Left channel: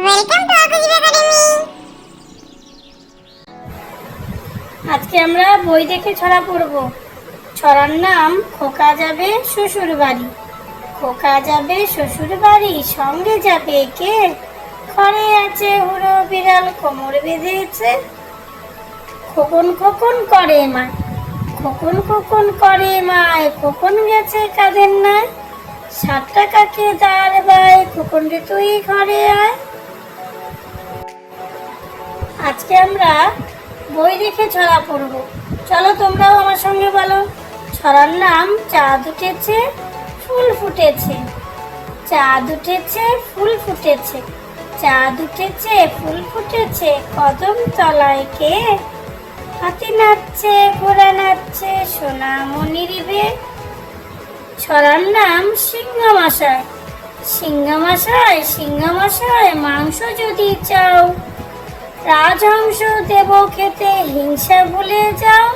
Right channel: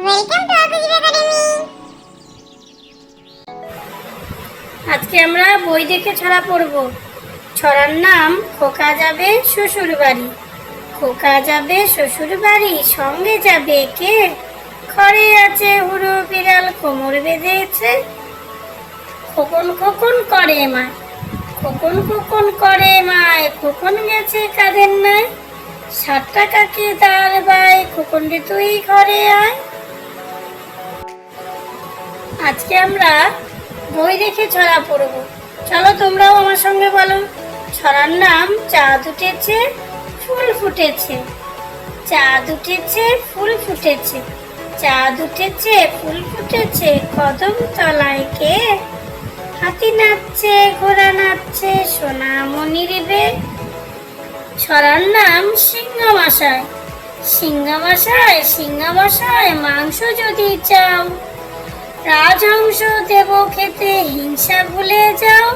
Welcome to আকুজিব academy. আজকে আমরা বই দেখে ছড়া পড়ব। ছড়ার নাম খোকা যাবে শ্বশুর বাড়ি। খোকা যাবে শ্বশুর বাড়ি, সঙ্গে যাবে কে? ঘরে আছে হুড়ো বিড়াল, কোমর বেঁধেছে। খোকন খোকন করে মায়, খোকন খোকন করে মায়, খোকন গেছে কাঁধের নাই। 7 টাকাকে দাঁড় বাই, খোকন রে তুই ঘরে আয়। আজকে আমরা বই দেখে ছড়া পড়ব। চলো তোমরাও আমার সঙ্গে বলো। ছড়ার নাম চাঁদ উঠেছে ফুল ফুটেছে। চাঁদ উঠেছে ফুল ফুটেছে, চাঁদ উঠেছে ফুল ফুটেছে, কদম তলায় কে? হাতি নাচছে ঘোড়া নাচছে, সোনামণির বে। ছড়ার নাম সিংহমশাই। সিংহমশাই সিংহমশাই, মাংস যদি চাও, রাজহংস দেব খেতে, হিংসা ভুলে যাও।